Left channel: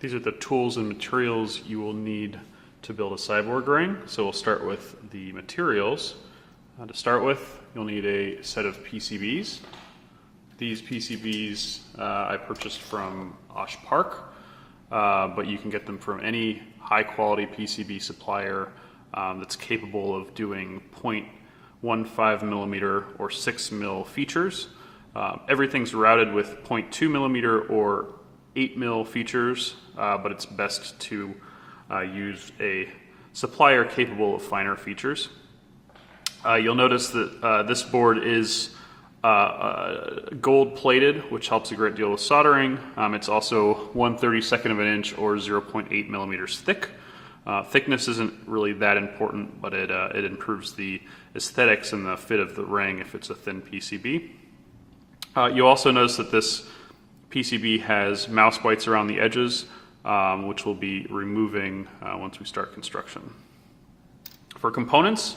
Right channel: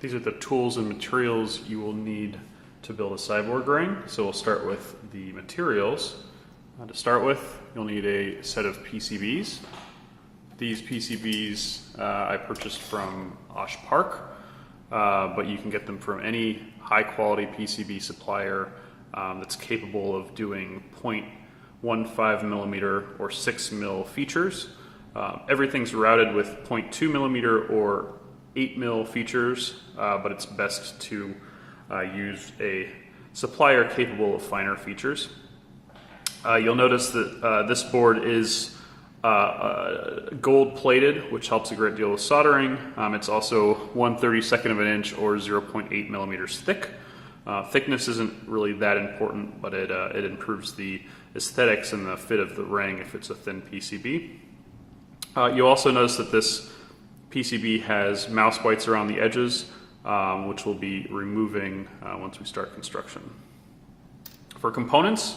These are the tools and materials you will need to build a cyborg ring. So we'll start with the materials. To start with, you'll need a set of PCBs. These PCBs I purchased from Osh Park, but you can get them from any high quality PCB supplier that's capable of doing 0.15 millimeter or 6 mil features. Everything's routed with 0.2 millimeter or 8 mil features, but it's best to use a supplier capable of finer features. You'll notice that this board is gold plated, which helps a great deal with soldering. It's also 1/32 of an inch or 0.8 millimeters thick. Thickness isn't really that important, but it improves the aesthetics and the fit of the ring if it's a thin PCB. You'll also notice that this PCB has mouse bites around the edges, which we'll be removing once we start construction. For components,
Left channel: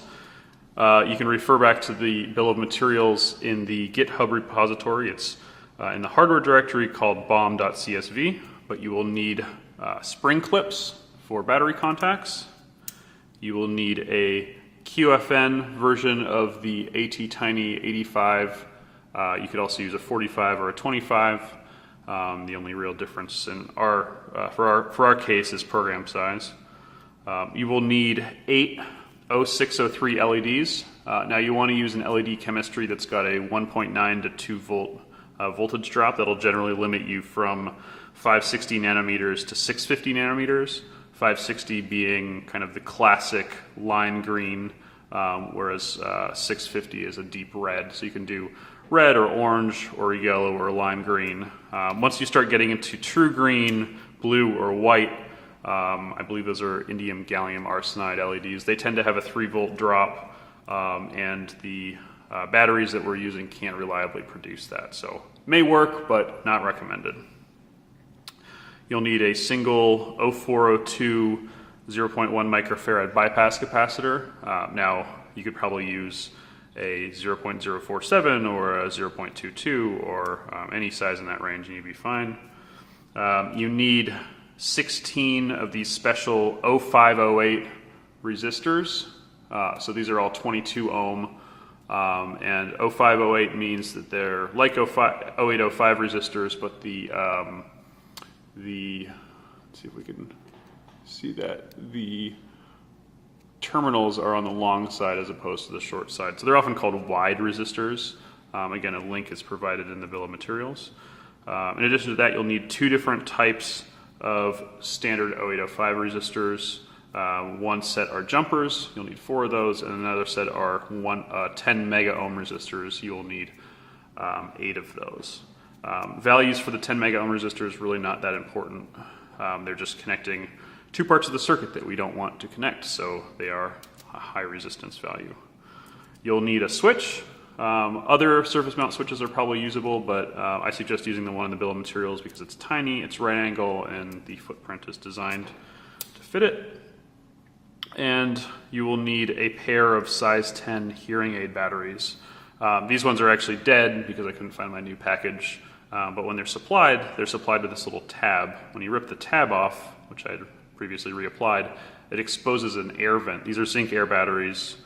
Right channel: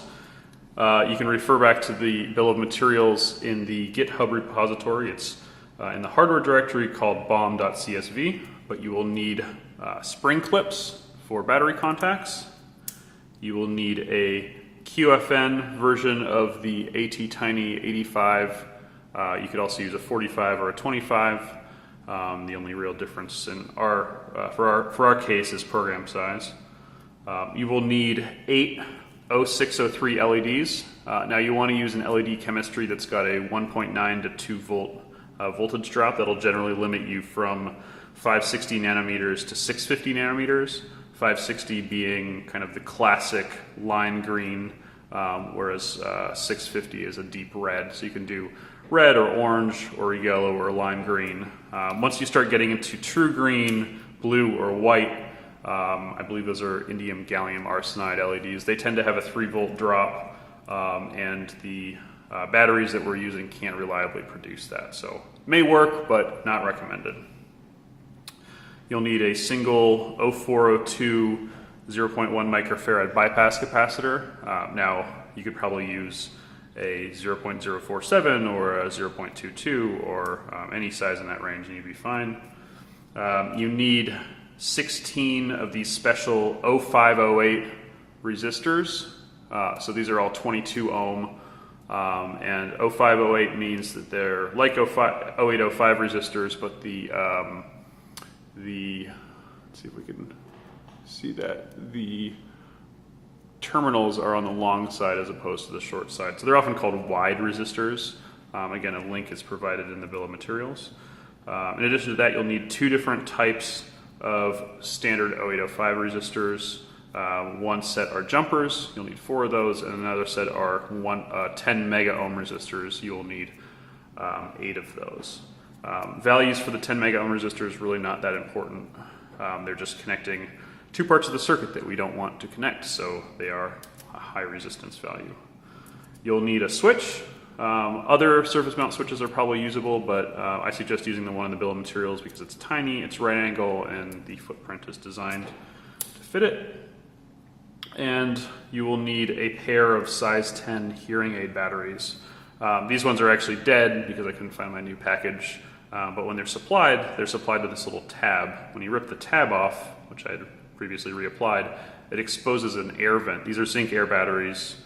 you can refer back to the bill of materials in the GitHub repository. It's in the hardware directory called bom.csv, but you will need spring clips for battery contacts. You will need a QFN version of the AT-Tiny 85. You could also use a 45 or a 25. The only real difference in for our case is program size. You will need 8 0603 LEDs. Now you want to use an LED chemistry that's got a 1.9 to 2 volt voltage drop. That'll generally limit you from 560 nanometers to 650 nanometers. 560 being kind of the classic lime green, whereas 650 is a deep red. So you can do red or orange or yellow or lime green. Once you start getting into true green, blue, or white, I believe those are indium gallium arsenide LEDs. They tend to have a 3 volt drop, and the batteries that we're using can't reliably produce that. So it may work, but not recommended. You'll need a single 0402 0.1 microfarad bypass capacitor. Now you could probably use a 0.047 or a 0.22 or any size in that range and you'd be fine. You need 16 of these special 0508 resistors. So these are all 22 ohm, and 0508 means that they're like 0805 resistors, but let's see if we can see that, the terminals are on the long side as opposed to the short side. So they're often called wide resistors. Again, a link is provided in the bill of materials. In addition to that, you'll need 2 different types of standard 0805 resistors. One set are jumpers, you'll need 4 of those, and another set are 10 mega ohm resistors. You'll need 8 of those. Values for the 10 mega ohm resistor is really not that important. They're just connecting 2 parts of the circuit that we don't want to connect, so they are a high resistance value. You'll need a switch. Other surface mount switches are probably usable, but I suggest using the one in the bill of materials because it's tiny, it's right angle, and the footprint is designed to fit it. And you will need a pair of size 10 hearing aid batteries. These ones are actually dead because I couldn't find my new package, but when they're supplied to this little tab. When you rip the tab off, which I had previously reapplied, it exposes an air vent. These are zinc air batteries.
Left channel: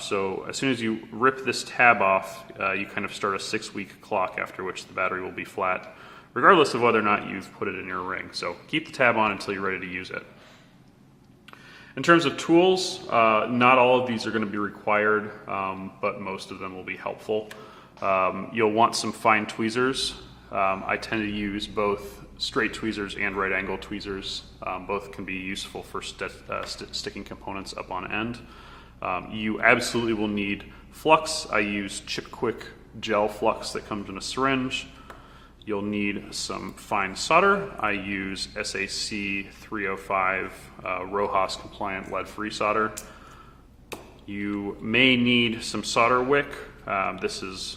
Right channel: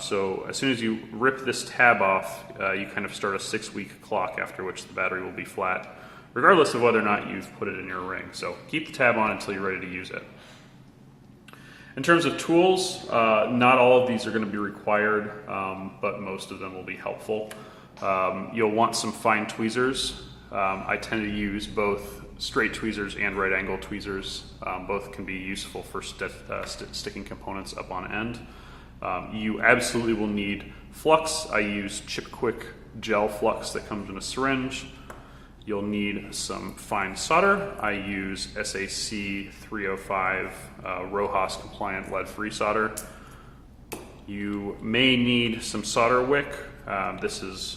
So as soon as you rip this tab off, you kind of start a 6-week clock after which the battery will be flat, regardless of whether or not you've put it in your ring. So keep the tab on until you're ready to use it. In terms of tools, not all of these are going to be required, but most of them will be helpful. You'll want some fine tweezers. I tend to use both straight tweezers and right angle tweezers. Both can be useful for sticking components up on end. You absolutely will need flux. I use Chipquik gel flux that comes in a syringe. You'll need some fine solder. I use SAC 305 RoHS compliant lead-free solder. You may need some solder wick. This is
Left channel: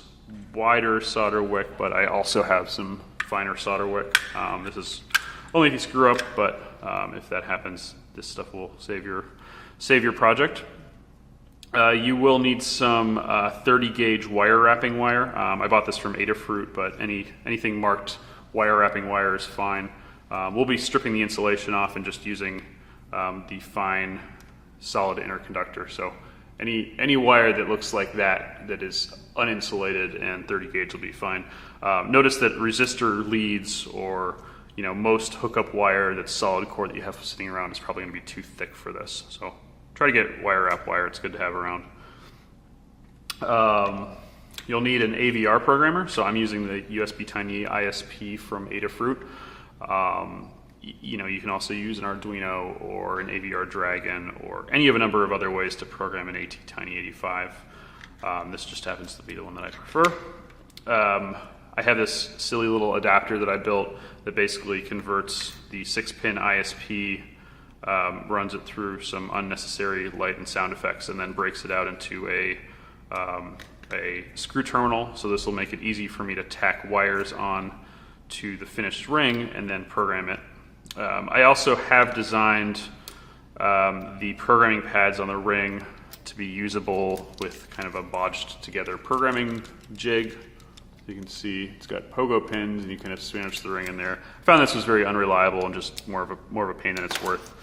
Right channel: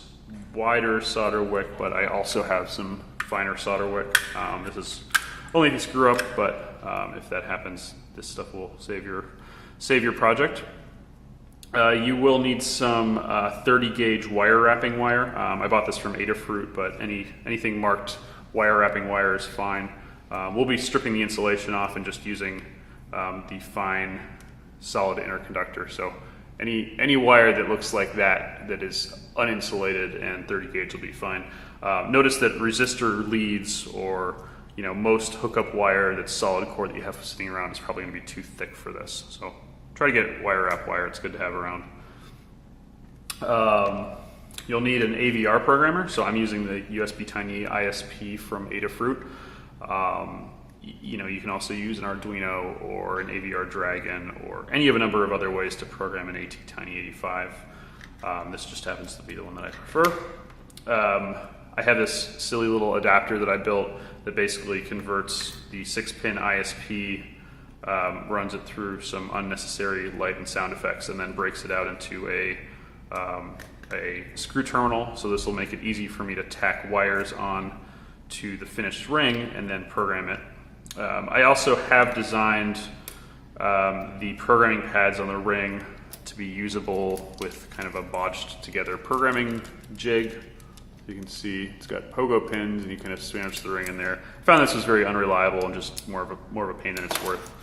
wider solder wick, but I also have some finer solder wick. This is only if you screw up, but if that happens, this stuff will save your project. You will need some 30 gauge wire wrapping wire. I bought this from Adafruit, but anything marked wire wrapping wire is fine. We'll be stripping the insulation off and just using the fine solid interconductor. So any wire that looks like that is uninsulated and 30 gauge will be fine. Notice that resistor leads or most hookup wire that's solid core that you have sitting around is probably going to be too thick for this. So try to get wire wrap wire. It's good to have around. You'll need an AVR programmer. So I'm using the USB Tiny ISP from Adafruit. You can also use an Arduino or an AVR Dragon or any of a number of other ways to program an AT-Tiny85. This just happens to be the one that I prefer. I have this silly little adapter that I built that basically converts the 6-pin ISP, runs it through some unnecessary light and sound effects, and then breaks it out into a screw terminal. So this will make it easy for me to tack wires on to the finished ring and then program it. I also have designed the programming pads on the ring to be usable with kind of a bodged together programming jig. You can see it's got pogo pins and you kind of sandwich the ring in there. I found this was very unreliable and just more of a pain than it's worth.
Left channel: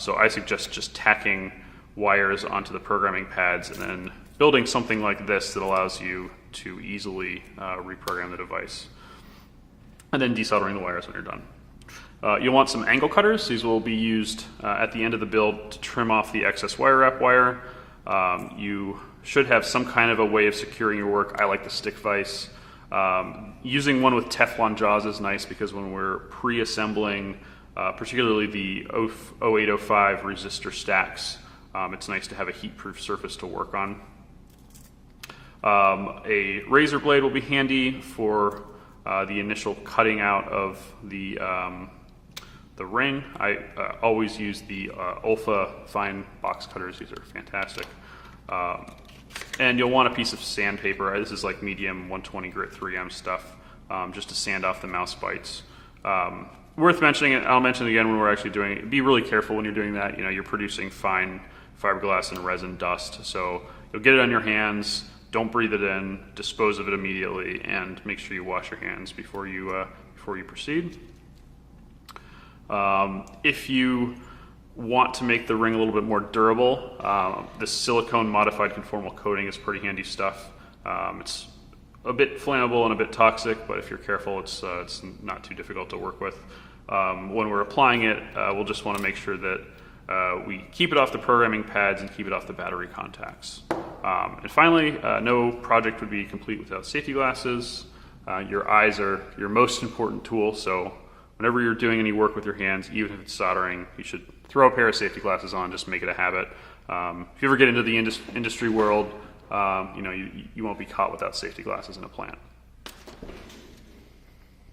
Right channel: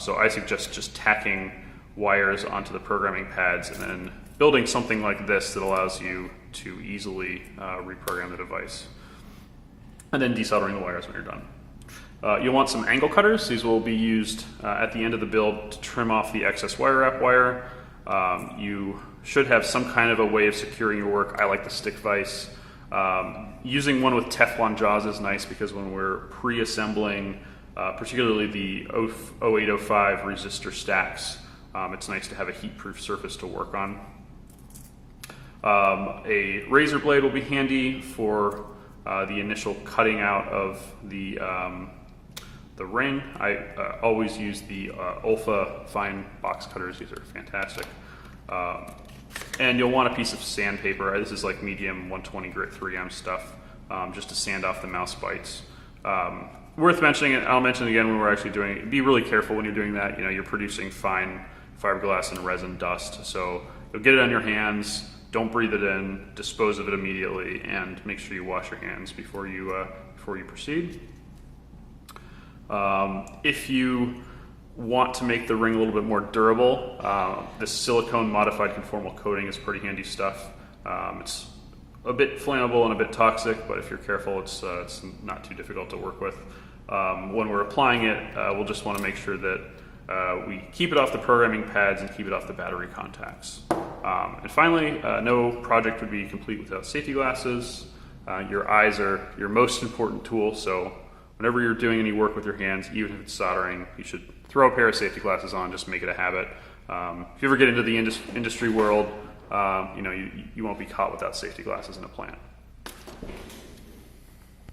So I suggest just tacking wires onto the programming pads and then building something like this that allows you to easily reprogram the device. And then desoldering the wires when you're done. You'll want some angle cutters. These will be used at the end of the build to trim off the excess wire wrap wire. You should have some kind of a way of securing your work. I like the stick vise. Using one with Teflon jaws is nice because when we're pre-assembling, particularly the 0805 resistor stacks, it's nice to have a heat-proof surface to work on. A razor blade will be handy for the initial cutting out of the ring. I always use the Olfa fine box cutters. These are fantastic. And you'll want a piece of sandpaper. This is like medium 120 grit 3M stuff, just to sand off the mouse bites. Worth mentioning, and I'll mention it again when we're actually doing it, be really careful when you're doing that. You're producing fine fiberglass and resin dust. So you'll get it on your hands, don't breathe it in, dispose of it immediately, and make sure you wash your hands before you proceed. If you want to make the ring a little bit more durable, this silicone modified conformal coating is pretty handy stuff. It's a bit flammable and a bit toxic, but if you're careful, it's not too difficult to work with. When we're applying it, we'll just want to make sure that we keep it off the programming pads and keep it off the battery contacts. And finally, no project would be complete without safety glasses. Your eyes are your most important tool, so whenever you're doing any work with your hands, even if it's soldering, you should throw a pair of safety glasses on, just make it a habit. If you ever get into the industry world, you won't be caught without safety glasses in a plant.